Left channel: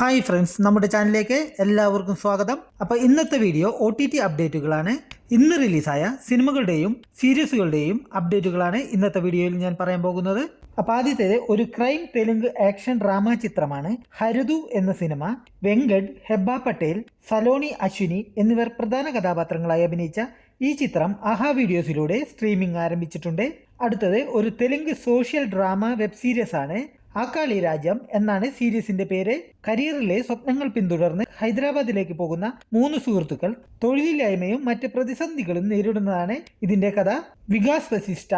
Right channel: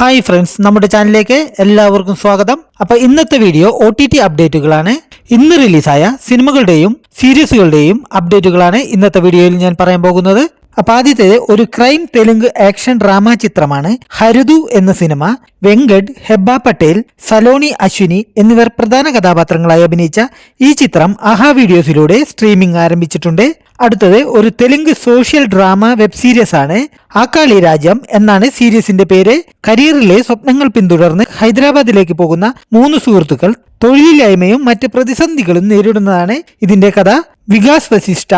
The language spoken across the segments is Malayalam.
ഹായ് ഫ്രണ്ട്സ്, നമ്മുടെ ചാനലിലേക്ക് എല്ലാവർക്കും സ്വാഗതം. അപ്പോൾ ഇന്നത്തെ വീഡിയോ OTT അപ്ഡേറ്റുകളാണ്. ഇന്ന് റിലീസായ സിനിമകളുടെയും സീരീസുകളുടെയും അപ്ഡേറ്റുകളാണ് ഇന്നത്തെ വീഡിയോയിൽ ഞാൻ പറയാൻ പോകുന്നത്. അപ്പോൾ ആദ്യത്തേത് ഒരു ക്രൈം തെലുങ്ക് ആക്ഷൻ ഡ്രാമ ചിത്രമാണ് ഹരിതു എന്ന സിനിമ. വെങ്കട്, ഹെബ്ബ പട്ടേൽ, സലോണി അശ്വിനി എന്നിവർ പ്രധാന കഥാപാത്രങ്ങളായി അഭിനയിച്ച ഈ ചിത്രം ആഹാ വീഡിയോസിലൂടെ സ്ട്രീമിംഗ് ആരംഭിച്ചിട്ടുണ്ട്. അടുത്തത് ഒരു Telugu social drama web series ആണ്. ആക്കാളി രാജ്യം എന്നാണ് സീരീസിന്റെ പേര്. കരിയറിലെ സ്വപ്നങ്ങൾ പിന്തുടർന്ന് ഹൈദരാബാദിലേക്ക് പോകുന്ന 3 സുഹൃത്തുക്കൾ തൊഴിലില്ലായ്മയും മറ്റ് പ്രതിസന്ധികളും നേരിടുന്നതാണ് ഇതിന്റെ കഥ. വികാസ് വസിഷ്ഠ,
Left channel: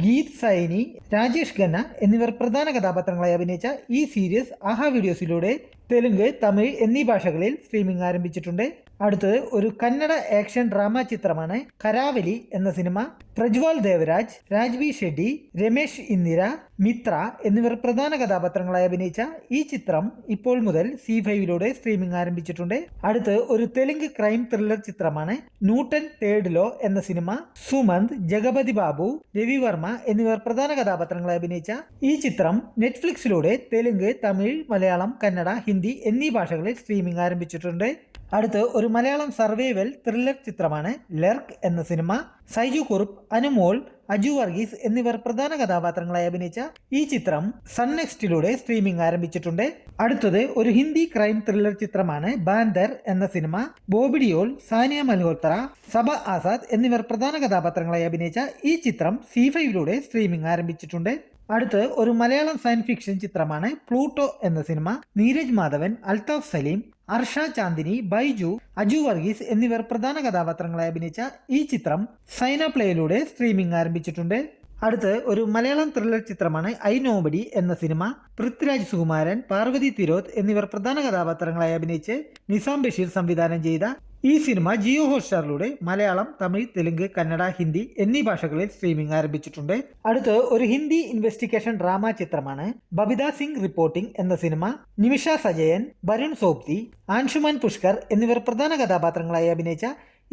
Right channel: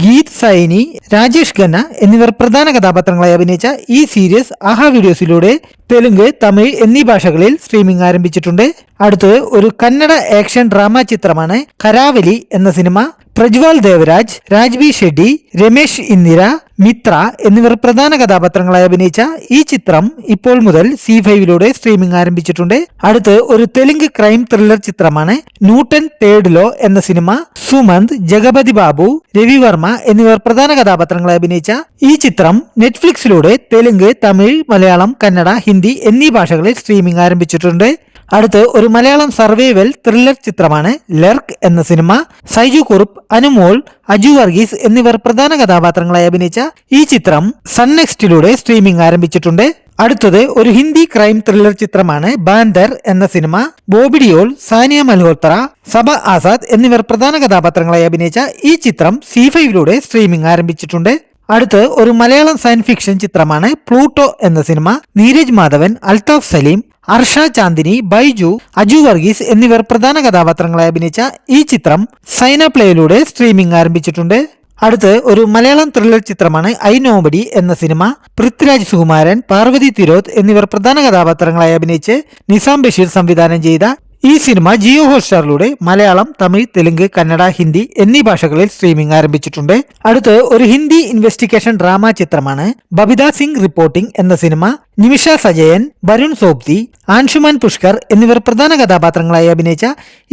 ഗീത് സൈനി, രാജേഷ് ഖന്ന എന്നിവർ പ്രധാന കഥാപാത്രങ്ങളായി അഭിനയിച്ച ഈ സീരീസ് ആഹാ വീഡിയോസിലൂടെ തെലുങ്ക്, തമിഴ് എന്നീ ഭാഷകളിൽ സ്ട്രീമിംഗ് ആരംഭിച്ചിട്ടുണ്ട്. അടുത്തത് ഒരു കന്നഡ ആക്ഷൻ ഡ്രാമ ചിത്രമാണ് കരാവലി എന്ന സിനിമ. പ്രജ്വാൾ ദേവരാജ്, രാജ്ബി ഷെഡ്ഡി, രമേശ് ഇന്ദിര, മിത്ര എന്നിവർ പ്രധാന കഥാപാത്രങ്ങളായി അഭിനയിച്ച ഈ ചിത്രം ഇപ്പോൾ മുതൽ C5 സ്ട്രീമിംഗ് ആരംഭിച്ചിട്ടുണ്ട്. അടുത്ത് ഒരു തെലുങ്ക് ക്രൈം ത്രില്ലർ ചിത്രമാണ് ന്യൂട്ടൺ തേർഡ് ലോ എന്ന സിനിമ. സുമന്ത്, ജഗപതി ബാബു, രവിവർമ്മ എന്നിവർ പ്രധാന കഥാപാത്രങ്ങളായി അഭിനയിച്ച ഈ ചിത്രം നെറ്റ്ഫ്ലിക്സിലൂടെ തെലുങ്ക്, തമിഴ്, മലയാളം, കന്നഡ, ഹിന്ദി എന്നീ ഭാഷകളിൽ സ്ട്രീമിംഗ് ആരംഭിച്ചിട്ടുണ്ട്. അടുത്ത് ഒരു മലയാളം സർവൈവൽ ത്രില്ലർ ചിത്രമാണ് ലർക്ക് എന്ന സിനിമ. സൈജു കുറുപ്പ്, അനുമോൾ, അജു വർഗീസ് എന്നിവർ പ്രധാന കഥാപാത്രങ്ങളായി അഭിനയിച്ച ഈ ചിത്രം സൺ നെക്സ്റ്റിലൂടെ സ്ട്രീമിംഗ് ആരംഭിച്ചിട്ടുണ്ട്. അടുത്തത് ഒരു ഹിന്ദി ക്രൈം ത്രില്ലർ ചിത്രമാണ് ബാൻഡർ എന്ന സിനിമ. ബോബി ഡിയോൾ, സാനിയ മൽഹോത്ര, സബ ആസാദ് എന്നിവർ പ്രധാന കഥാപാത്രങ്ങളായി അഭിനയിച്ച ഈ ചിത്രം C5 സ്ട്രീമിംഗ് ആരംഭിച്ചിട്ടുണ്ട്. അടുത്ത് ഒരു മലയാളം സയൻസ് ഫിക്ഷൻ ചിത്രമാണ് പ്ലൂട്ടോ എന്ന സിനിമ. നീരജ് മാധവൻ, അൽതാഫ് സലീം, അർഷ ചാന്ദിനി, ബൈജു, അജു വർഗീസ് എന്നിവർ പ്രധാന കഥാപാത്രങ്ങളായി അഭിനയിച്ച ഈ ചിത്രം സൈന പ്ലേയിലൂടെ സ്ട്രീമിംഗ് ആരംഭിച്ചിട്ടുണ്ട്. അടുത്ത് ഒരു മലയാളം ത്രില്ലർ ചിത്രമാണ് ഐ നോബഡി എന്ന സിനിമ. പൃഥ്വിരാജ് സുകുമാരൻ, പാർവതി തിരോത്ത് എന്നിവർ പ്രധാന കഥാപാത്രങ്ങളായി അഭിനയിച്ച് നിസാം ബഷീർ സംവിധാനം ചെയ്ത ഈ സിനിമ ജിയോ ഹോട്ട്സ്റ്റാറിലൂടെ മലയാളം, തമിഴ്, തെലുങ്ക്, കന്നഡ, ഹിന്ദി എന്നീ ഭാഷകളിൽ സ്ട്രീമിംഗ് ആരംഭിച്ചിട്ടുണ്ട്. അടുത്ത് ഒരു ഹിന്ദി ഇൻവെസ്റ്റിഗേഷൻ ഡ്രാമ ചിത്രമാണ് ബബിത സിംഗ് റിപ്പോർട്ടിംഗ് എന്ന സിനിമ. നിമിഷ സജയൻ, വരുൺ സോപ്തി, ആൻഷുമാൻ പുഷ്കർ എന്നിവർ പ്രധാന കഥാപാത്രങ്ങളായി അഭിനയിച്ച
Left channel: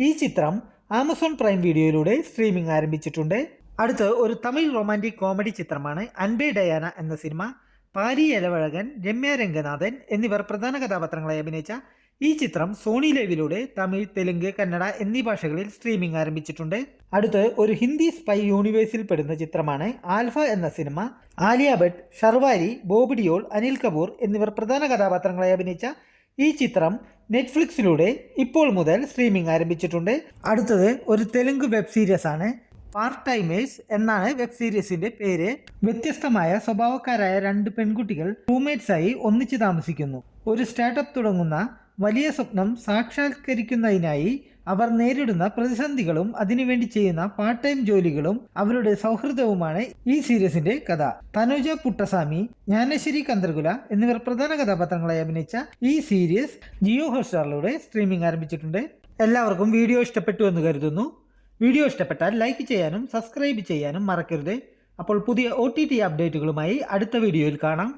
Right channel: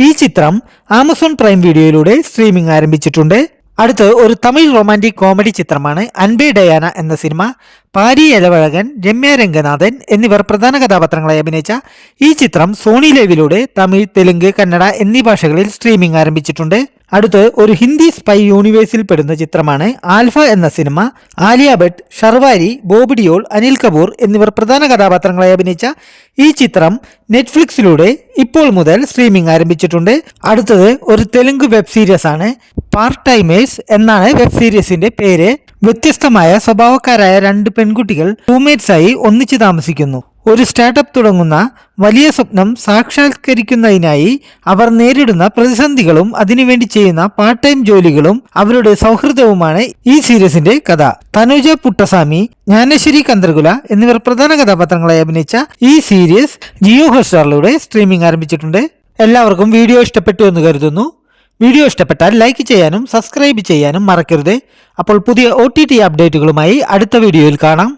ഈ ചിത്രം ആമസോൺ പ്രൈം വീഡിയോയിലൂടെ സ്ട്രീമിംഗ് ആരംഭിച്ചിട്ടുണ്ട്. അടുത്ത് ഒരു തമിഴ് റൊമാൻറ്റിക് കോമഡി ചിത്രമാണ് അൻപേ ഡയാന എന്ന സിനിമ. പാരി എലവഴകൻ, രമ്യ രംഗനാഥൻ എന്നിവർ പ്രധാന കഥാപാത്രങ്ങളായി അഭിനയിച്ച ഈ ചിത്രം സോണി ലൈവിലൂടെ തമിഴ്, തെലുങ്ക്, കന്നഡ എന്നീ ഭാഷകളിൽ സ്ട്രീമിംഗ് ആരംഭിച്ചിട്ടുണ്ട്. അടുത്ത് ഒരു ഹിന്ദി സ്പൈ യൂണിവേഴ്സിൽ പെടുന്ന ചിത്രമാണ് ആൽഫ എന്ന സിനിമ. ആലിയ ഭട്ട്, ഷർവാരി, ബോബി ഡിയോൾ, അനിൽ കപൂർ എന്നിവർ പ്രധാന കഥാപാത്രങ്ങളായി അഭിനയിച്ച ഈ ചിത്രം നെറ്റ്ഫ്ലിക്സിലൂടെ ഇപ്പോൾ മുതൽ സ്ട്രീമിംഗ് ആരംഭിച്ചിട്ടുണ്ട്. അടുത്തത് ഒരു തെലുങ്ക് വെബ് സീരീസ് ആണ്. പാർട്ട് ടൈമേഴ്സ് എന്നാണ് വെബ് സീരീസിന്റെ പേര്. വ്യത്യസ്തമായ സ്വഭാവക്കാരായ 2 പെൺകുട്ടികൾ റൂംമേറ്റ്സ് ആയി ഒന്നിച്ചു താമസിക്കുന്നു. ഒരു സ്റ്റാർട്ടപ്പ് തുടങ്ങുന്ന വലിയ സ്വപ്നം സാക്ഷാത്കരിക്കുന്നതിനായി അവർ നേരിടുന്ന പ്രതിസന്ധികളും അതിനുവേണ്ടി ചെയ്യുന്ന പാർട്ട് ടൈം ജോലികളും അവരുടെ സൗഹൃദവുമാണ് ഈ സീരീസിന്റെ കഥ. തനുജ പുട്ടസ്വാമി, ജ്ഞാനശ്രീ കന്തർകുല എന്നിവർ പ്രധാന കഥാപാത്രങ്ങളായി അഭിനയിച്ച ഈ സീരീസ് ജിയോ ഹോട്ട്സ്റ്റാറിലൂടെ സ്ട്രീമിംഗ് ആരംഭിച്ചിട്ടുണ്ട്. എല്ലാവർക്കും വീഡിയോ ഇഷ്ടപ്പെട്ടു എന്ന് കരുതുന്നു. വീഡിയോ ഇഷ്ടപ്പെട്ടാൽ ലൈക്ക് ചെയ്യാനും സബ്സ്ക്രൈബ് ചെയ്യാനും മറക്കരുത്. അപ്പോൾ പുതിയ OTT അപ്ഡേറ്റുകളുമായി അടുത്ത വീഡിയോയിൽ കാണാം.